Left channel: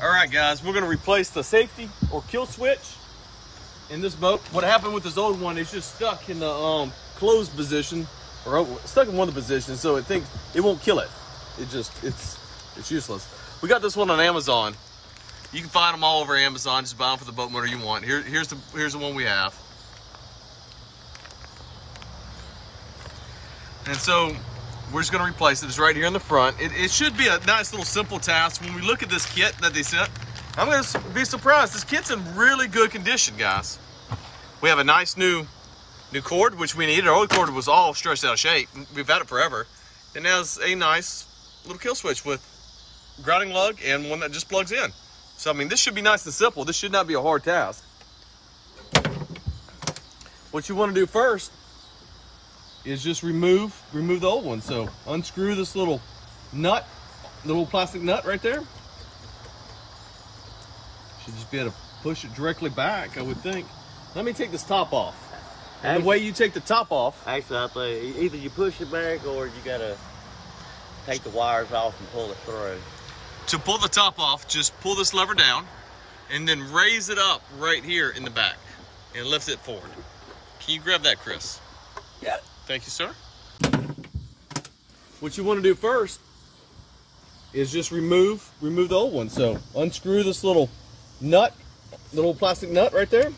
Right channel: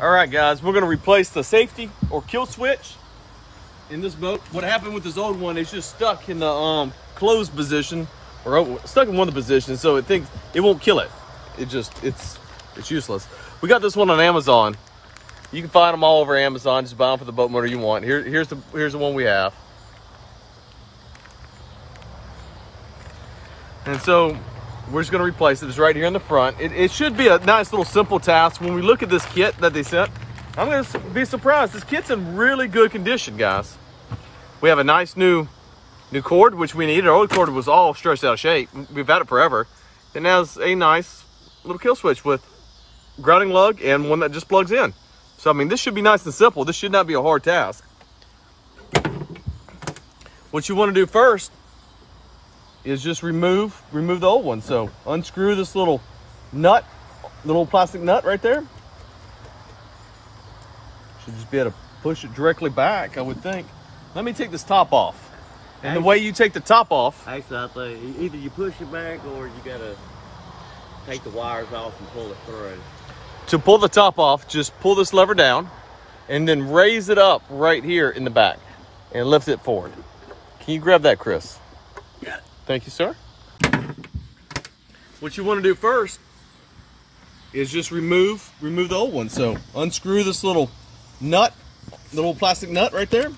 All right, guys, we're gonna replace the safety or kill switch in this boat. What happened with this old one is just stuck in the closed position, or stuck in one of the positions, so it thinks it won't kill it. It's useless. We got this one on Amazon. You can find them all over Amazon. Just buy them for the boat motor you want. Here's the one we have. And so we're just gonna replace it. It's right here in the front. It should be a nice little simple task. When we look at this kit that they sent, I'm gonna be surprised. This kit's in really good condition, guys. We have a nice new cord, which we needed. Our old cord was all stretched out of shape. We've had it forever. It has a nice little kill switch with grounding lug and one that just plugs in. So, I mean, this should be nice and simple. This should not be a hard task. What you want to do first is just remove the old one. So unscrew this little nut, the little plastic nut right there. Should just be able to push it directly back, I would think. Let me take this top off. And the way you take the top off, actually, I think either you push it back or you gotta take the wires off and pull it through. to pull the top off, just pull this lever down and then raise it up right here in the back and lift it forward. Can you grab that, Chris? Yeah. Thank you, sir. What you want to do first is just remove the old one. So unscrew this little nut, the little plastic nut right there.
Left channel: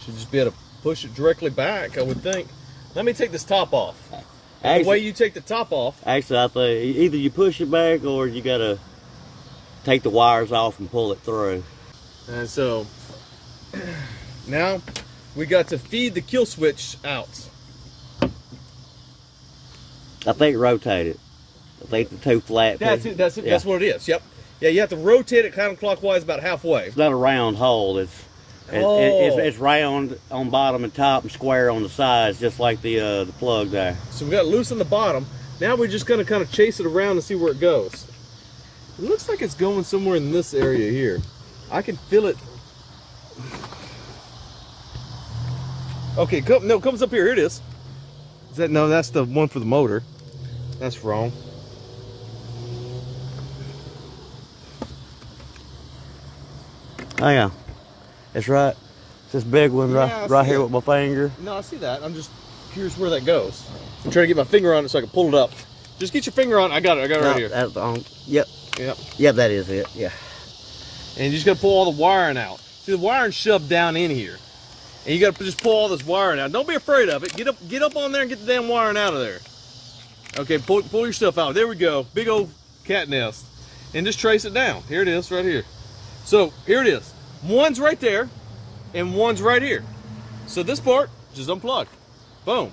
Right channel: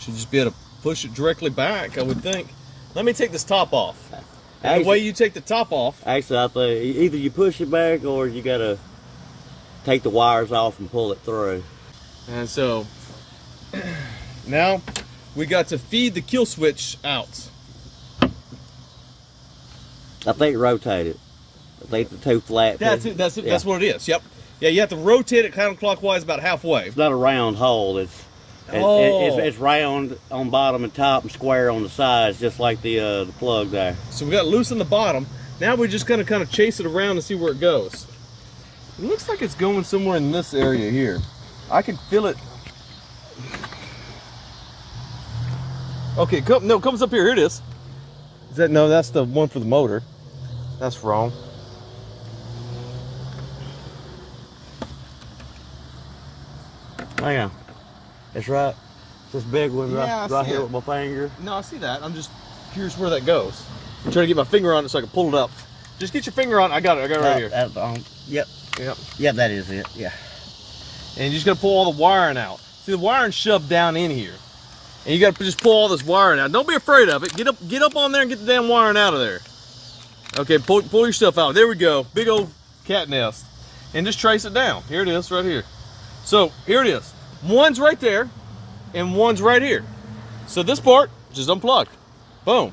Should just be able to push it directly back, I would think. Let me take this top off. Actually, the way you take the top off. Actually, I think either you push it back or you gotta take the wires off and pull it through. And so now we got to feed the kill switch out. I think rotate it. I think the two flat. That's it. That's what it is. Yep. Yeah, you have to rotate it counterclockwise about halfway. It's not a round hole. It's round on bottom and top and square on the sides, just like the plug there. So we got loose on the bottom. Now we're just gonna kind of chase it around and see where it goes. It looks like it's going somewhere in this area here. I can feel it. Okay, no, it comes up here. Here it is. Is that, no, that's the one for the motor. That's wrong. Hang on. It's right. It's this big one right here with my finger. No, I see that. I'm just curious where that goes. I'm trying to get my finger on it so I can pull it up. Just get your finger on it. I got it. I got it right here. Yep. Yep. Yep, that is it. Yeah. And you just got to pull all the wiring out. See, the wiring's shoved down in here. And you got to just pull all this wiring out. Don't be afraid of it. Get up on there and get the damn wiring out of there. Okay, pull your stuff out. There we go. Big old cat nest. And just trace it down. Here it is, right here. So here it is. One's right there, and one's right here. So this part, just unplug. Boom.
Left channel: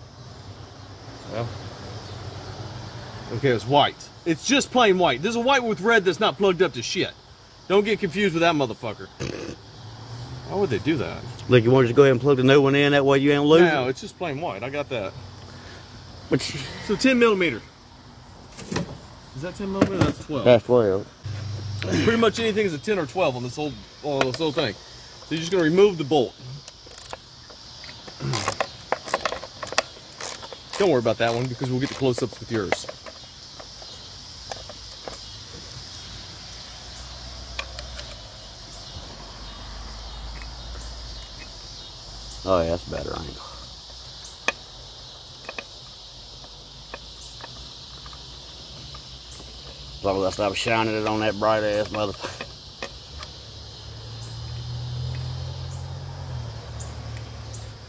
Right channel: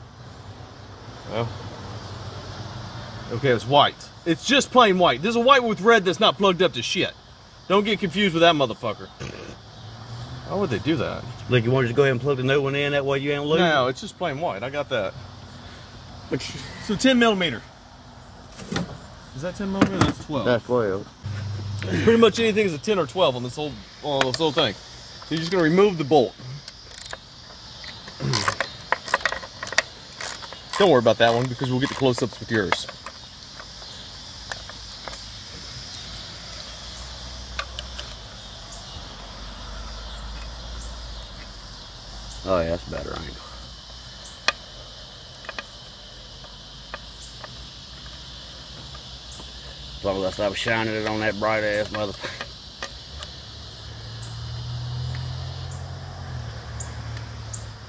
Well, okay, it's white. It's just plain white. There's a white with red that's not plugged up to shit. Don't get confused with that motherfucker. How would they do that? Look, you want to just go ahead and plug the new one in, that way you ain't losing? No, it's just plain white. I got that. So 10 millimeter. Is that 10 millimeter? That's 12. That's 12. Pretty much anything is a 10 or 12 on this whole thing. So you're just gonna remove the bolt. Don't worry about that one because we'll get the close-ups with yours. Oh yeah, that's a better angle. Probably I was shining it on that bright ass motherfucker.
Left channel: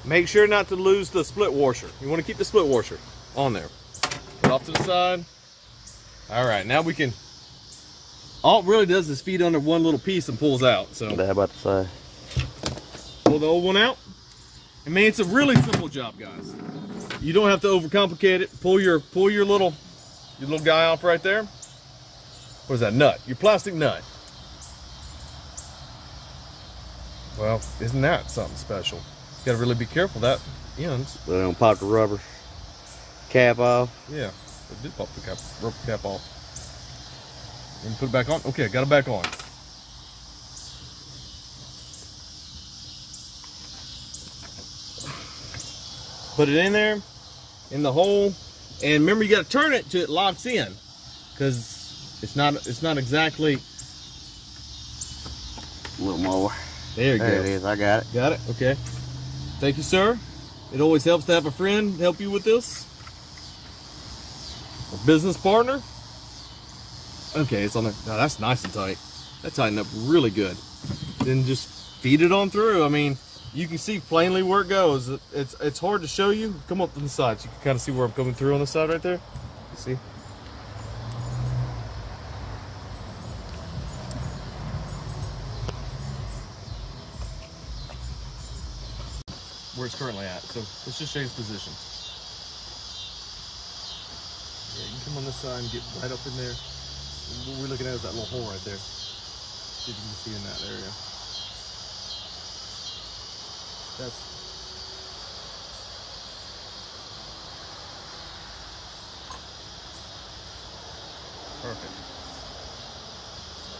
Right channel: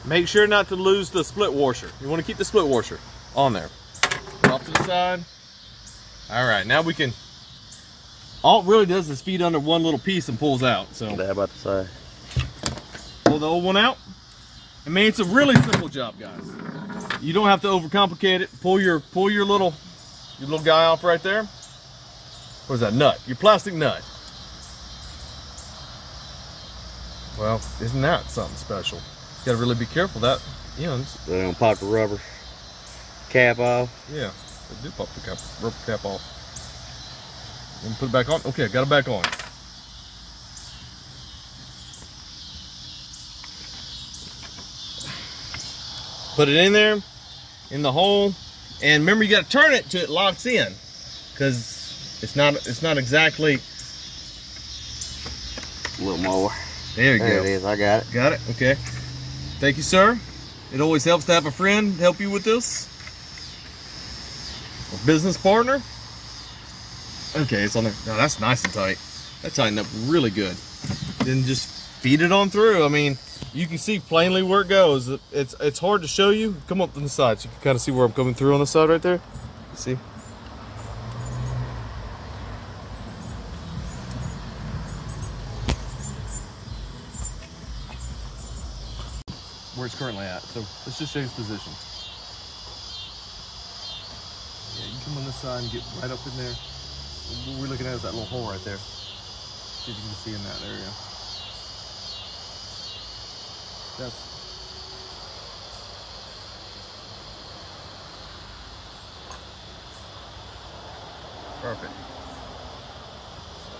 Make sure not to lose the split washer. You want to keep the split washer on there. Put off to the side. All right, now we can. All it really does is feed under one little piece and pulls out. So what I about to say? Pull the old one out. I mean, it's a really simple job, guys. You don't have to overcomplicate it. Pull your little guy off right there. What is that nut? Your plastic nut. Well, isn't that something special? You gotta really be careful that ends. We're gonna pop the rubber cap off. Yeah, it did pop the rubber cap off. And put it back on. Okay, got it back on. Put it in there, in the hole, and remember you gotta turn it till it locks in, because It's not exactly. A little more. There you go. There it is. I got it. Got it. Okay. Thank you, sir. It always helps to have a friend help you with this. A business partner. Okay, it's on there. Now that's nice and tight. That tightened up really good. Then just feed it on through. I mean, you can see plainly where it goes. It's hard to show you. Come up on the side so you can kind of see where I'm coming through on the side right there. You see? Where it's currently at. So let's just change position. Yeah, you come on this side and get right up in there. What we're looking at is that little hole right there. See if you can see in that area. That's perfect.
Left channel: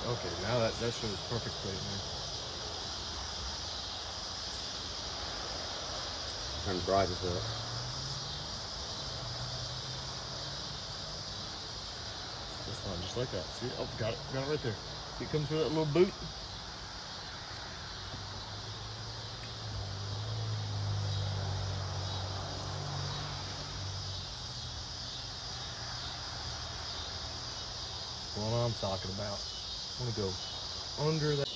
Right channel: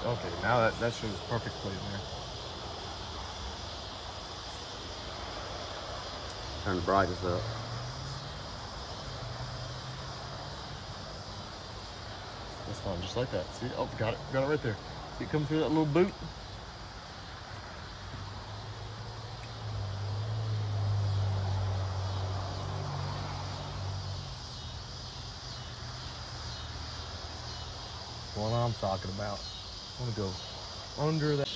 Okay, now that shows perfectly in there. Turn the brightness up. That's fine, just like that. See? Oh, got it right there. See it come through that little boot? That's what I'm talking about. I want to go under that.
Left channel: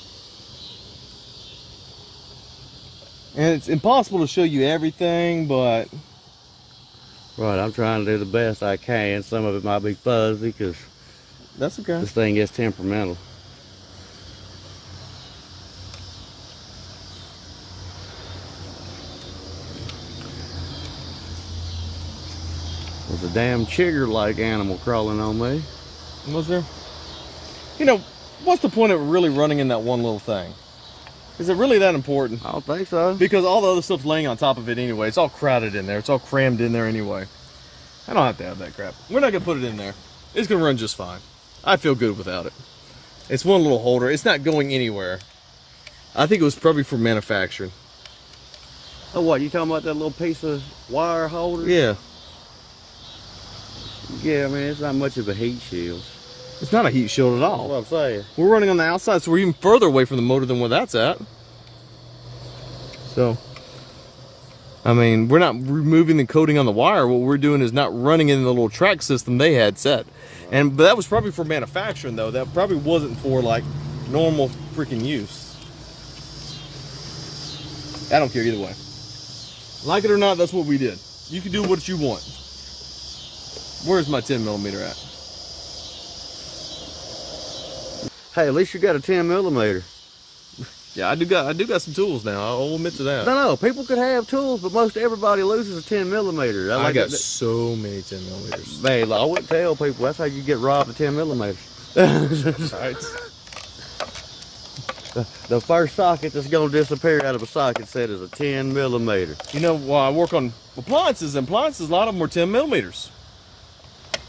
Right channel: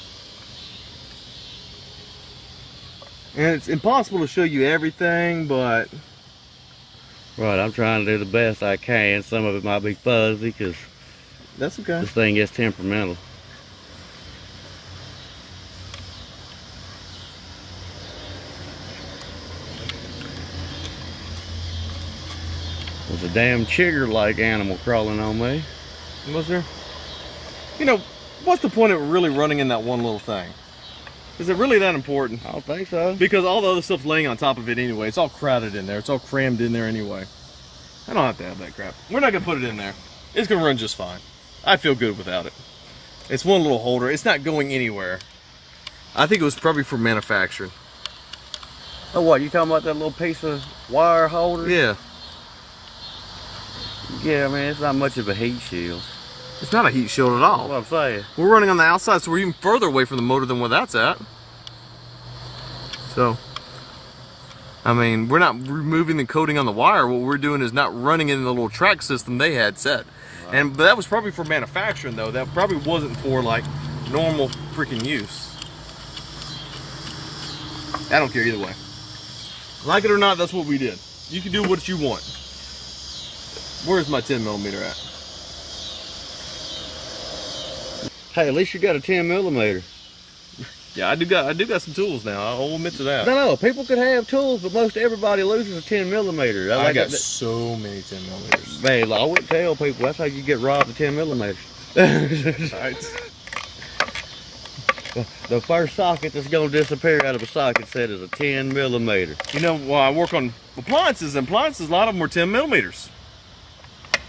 And it's impossible to show you everything, but Right, I'm trying to do the best I can. Some of it might be fuzzy because that's okay. this thing gets temperamental. There's a damn chigger-like animal crawling on me. Was there? You know, what's the point of really running in that one little thing? Is it really that important? I don't think so. Because all the other stuff's laying on top of it anyway. It's all crowded in there. It's all crammed in there anyway. I don't have to have that crap. We're not going to put it in there. It's going to run just fine. I feel good without it. It's one little holder. It's not going anywhere. I think it was probably for manufacturing. Oh, what? You talking about that little piece of wire holder? Yeah. Yeah, I mean, it's not much of a heat shield. It's not a heat shield at all. That's what I'm saying. We're running on the outside, so we're even further away from the motor than where that's at. So, I mean, we're not removing the coating on the wire. What we're doing is not running in the little track system they had set. Right. And that was probably for manufacturing, though. That probably wasn't for, like, normal freaking use. I don't care either way. Like it or not, that's what we did. You can do what you want. Where's my 10mm at? Hey, at least you got a 10mm. Yeah, I do got some tools now. I'll admit to that. No, people could have tools, but most everybody loses a 10mm. I got so many 10mm. Man, I wouldn't tell people. That's how you get robbed of 10mm. The first socket that's gonna disappear out of a socket set is a 10mm. You know, while I work on appliances, a lot of them are 10mm.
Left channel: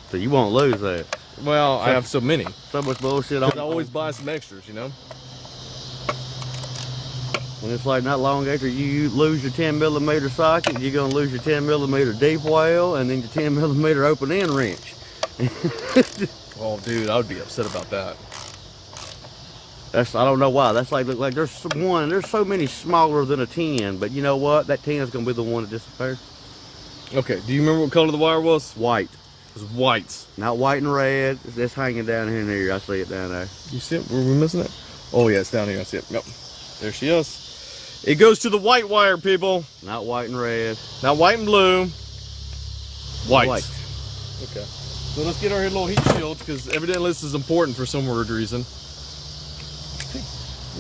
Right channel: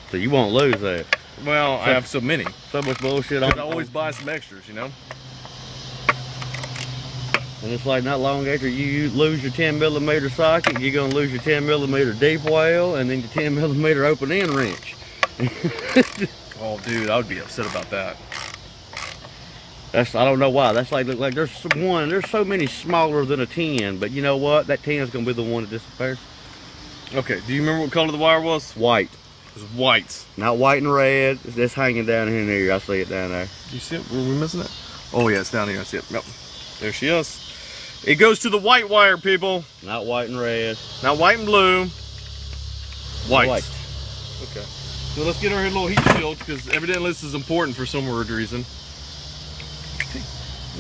So you won't lose that. Well, I have so many. So much bullshit on. I always buy some extras, you know. And it's like not long after you lose your 10mm socket, you're gonna lose your 10mm deep well, and then your 10mm open end wrench. Oh, dude, I would be upset about that. I don't know why. That's like there's so many smaller than a 10, but you know what? That 10 is gonna be the one to disappear. Okay. Do you remember what color the wire was? White. It was white. Not white and red. It's hanging down here and there. I see it down there. You see it? Were we missing it? Oh yeah, it's down here. I see it. Nope. There she is. It goes to the white wire, people. Not white and red. Not white and blue. White. White. Okay. So let's get our little heat shields, because evidently this is important for some weird reason.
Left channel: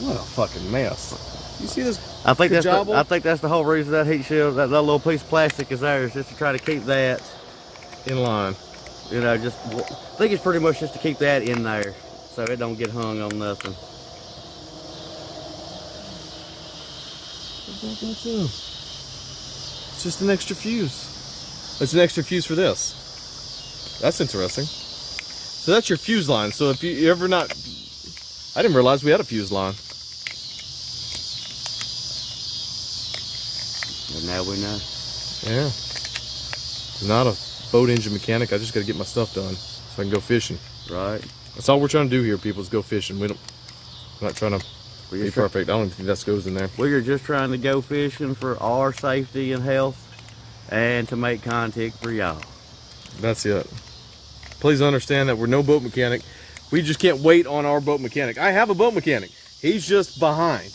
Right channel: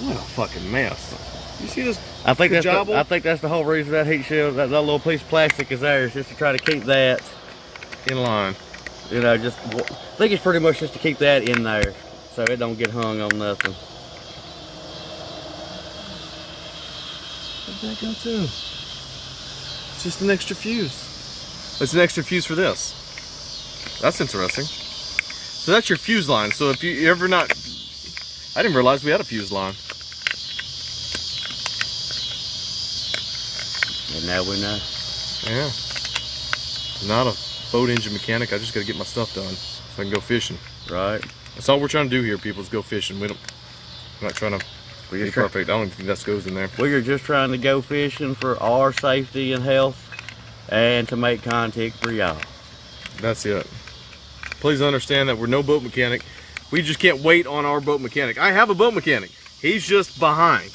What a fucking mess. You see this? I think that's the whole reason that heat shield, that little piece of plastic is there, is just to try to keep that in line. You know, I think it's pretty much just to keep that in there, so it don't get hung on nothing. What'd that go to? It's just an extra fuse. It's an extra fuse for this. That's interesting. So that's your fuse line. So if you ever not, I didn't realize we had a fuse line. And now we know. Yeah. Not a boat engine mechanic. I just got to get my stuff done so I can go fishing. Right. That's all we're trying to do here, people, is go fishing. We're not trying to be perfect. I don't think that goes in there. We are just trying to go fishing for our safety and health and to make content for y'all. That's it. Please understand that we're no boat mechanic. We just can't wait on our boat mechanic. I have a boat mechanic. He's just behind.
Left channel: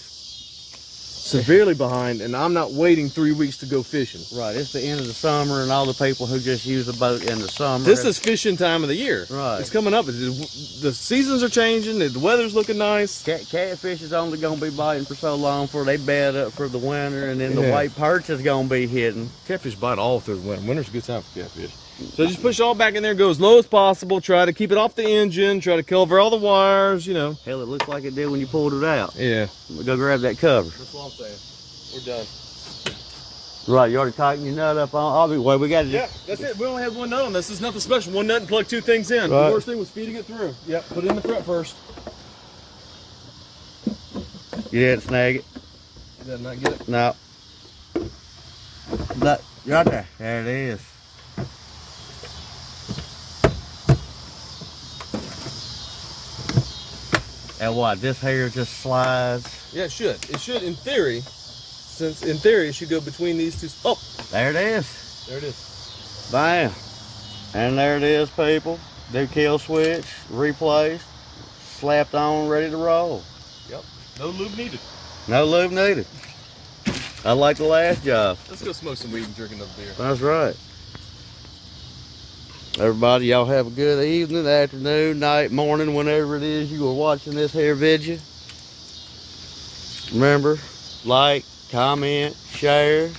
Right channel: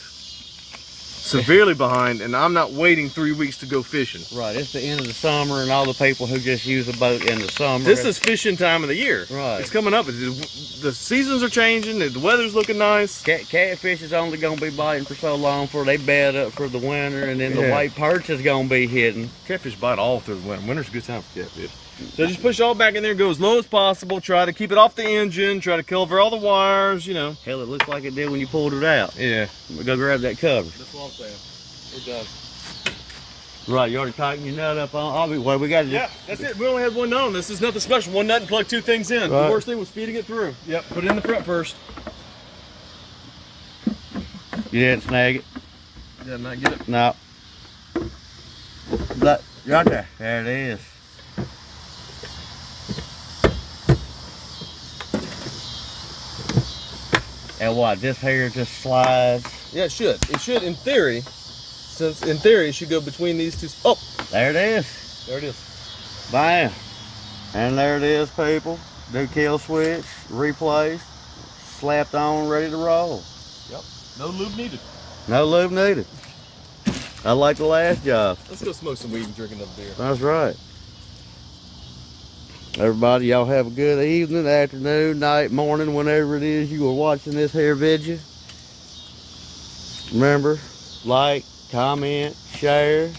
Severely behind, and I'm not waiting 3 weeks to go fishing. Right, it's the end of the summer, and all the people who just use a boat in the summer. This is fishing time of the year. Right. It's coming up. The seasons are changing. The weather's looking nice. Catfish is only going to be biting for so long before they bed up for the winter, and then the white perch is going to be hitting. Catfish bite all through the winter. Winter's a good time for catfish. So just push all back in there, go as low as possible. Try to keep it off the engine. Try to cover all the wires, you know. Hell, it looks like it did when you pulled it out. Yeah. Go grab that cover. That's what I'm saying. We're done. Right, you already tightened your nut up on. Well, we got to. Yeah, that's it. We only had one on. This is nothing special. One nut and plug 2 things in. Right. The worst thing was feeding it through. Yep. Put it in the front first. You didn't snag it? Did not get it? No. That right there. There it is. And what? This hair just slides. Yeah, it should. It should, in theory. Since in theory, it should go between these two. Oh, there it is. there it is. Bam. And there it is, people. Do kill switch, replaced, slapped on, ready to roll. Yep. No lube needed. No lube needed. I like the last job. Let's go smoke some weed and drink another beer. That's right. Everybody, y'all have a good evening, afternoon, night, morning, whenever it is you are watching this here video. Remember, like, comment, share,